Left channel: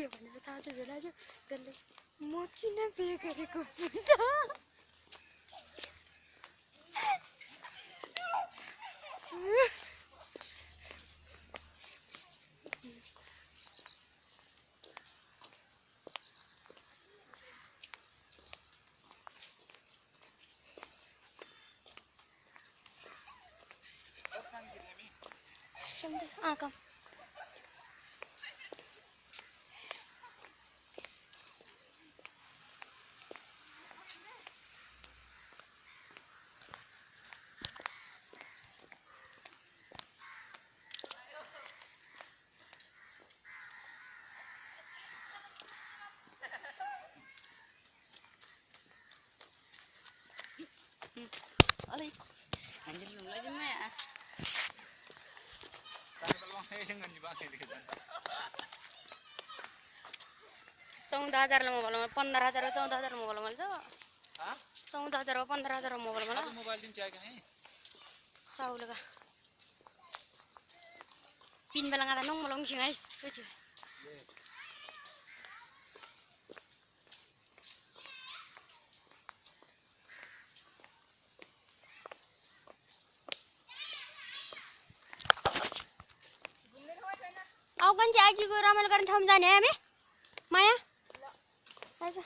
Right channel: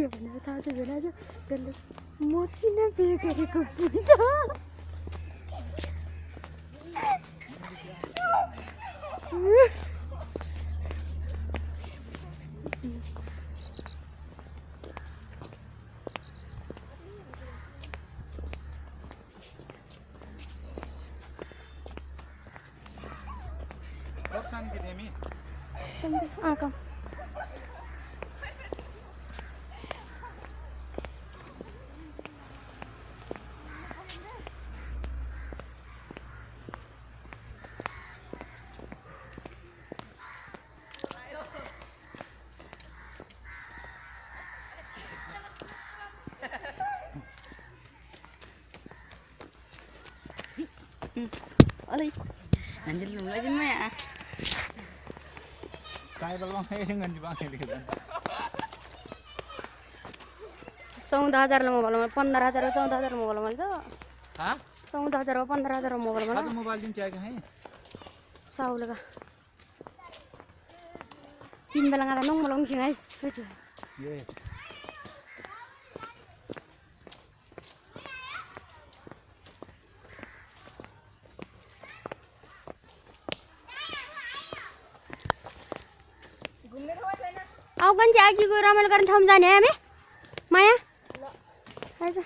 के भनेर थाहा छैन आज त्यसले म किन बिहे गरेको बुढा Come. Oleh, anjir lu nggak sih Maya? Kaya balong kayak dengan di bangkai gitu. 14,000 ला मोबाइल 15,000 14,000 मोबाइल मिल्छ हाँ 14,000 15,000 मोबाइल मिल्छ तो मोबाइल दिन चाहिए कहीं साउल का पिन बलंगा नong malong singai suci ये आउ kan चाहिँ आगीको रमाइलो गर्ने ठाउँ जाने हामी माया आइज